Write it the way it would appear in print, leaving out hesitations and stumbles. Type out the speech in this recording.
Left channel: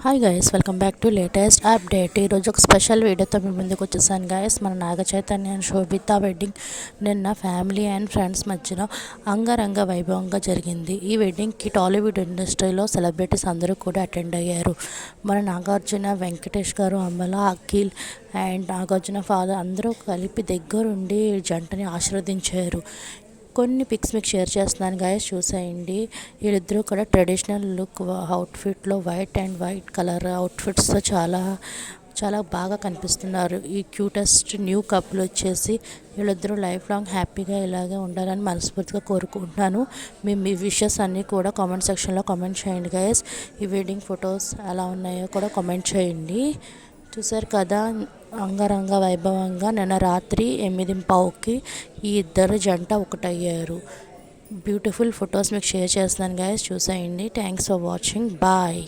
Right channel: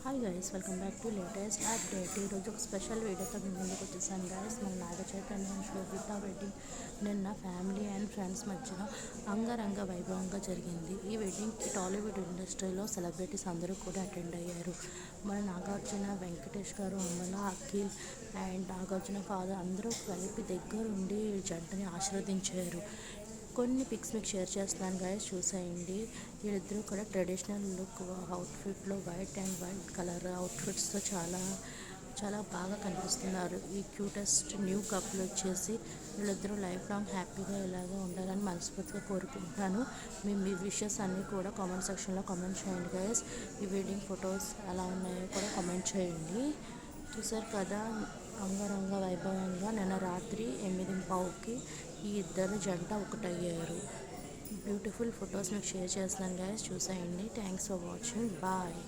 Hi guys, welcome back to latest update. ఈరోజు ఒక special వీడియోతో మీ ముందుకు వచ్చేసాను గైస్. మన Naga Chaitanya and Sobhita wedding నిన్న ఫ్యామిలీ అండ్ ఫ్రెండ్స్ మధ్యన అంగరంగ వైభవంగా జరిగింది. ఈ వెడ్డింగ్కి టాలీవుడ్ ఇండస్ట్రీలో సెలబ్రిటీస్ అందరూ కూడా అటెండ్ అయ్యారు. మన నాగార్జున, వెంకటేష్ గారు, అమల, అఖిల్ అండ్ నాగార్జున ఫాదర్ అందరూ కలిపి దగ్గరుండి జంటని ఆశీర్వదించారు. కొన్ని పిక్స్ మీకు షేర్ చేస్తున్నాను గాయస్, చూసేయండి. వీళ్ళిద్దరూ కూడా ట్రెడిషనల్ లుక్ అవుట్ఫిట్లో వైట్ అండ్ వైట్ కలర్ అవుట్ఫిట్స్తో చాలా చాలా బాగా కనిపిస్తున్నారు. ఈ క్యూటెస్ట్ న్యూ కపుల్ వచ్చేసి వీళ్ళిద్దరూ లైఫ్ లాంగ్ హ్యాపీగా ఇలాగే ఉండాలని మనస్ఫూర్తిగా కోరుకుంటున్నాను. మీ విషెస్ అన్నీ కూడా కామెంట్ సెక్షన్లో కామెంట్ చేయండి గైస్. ఈ వెడ్డింగ్ ఫొటోస్ ఎలా ఉన్నాయో కూడా కామెంట్ చేయండి. చూసారు కదా, అంగరంగ వైభవంగా నిన్న రాత్రి 8:15కి ఈ ఇద్దరు జంట ఒకటయ్యారు. బ్యూటిఫుల్ ఫొటోస్ మీకు షేర్ చేస్తున్నాను గైస్, చూసేయండి. Thanks for watching. బాయ్.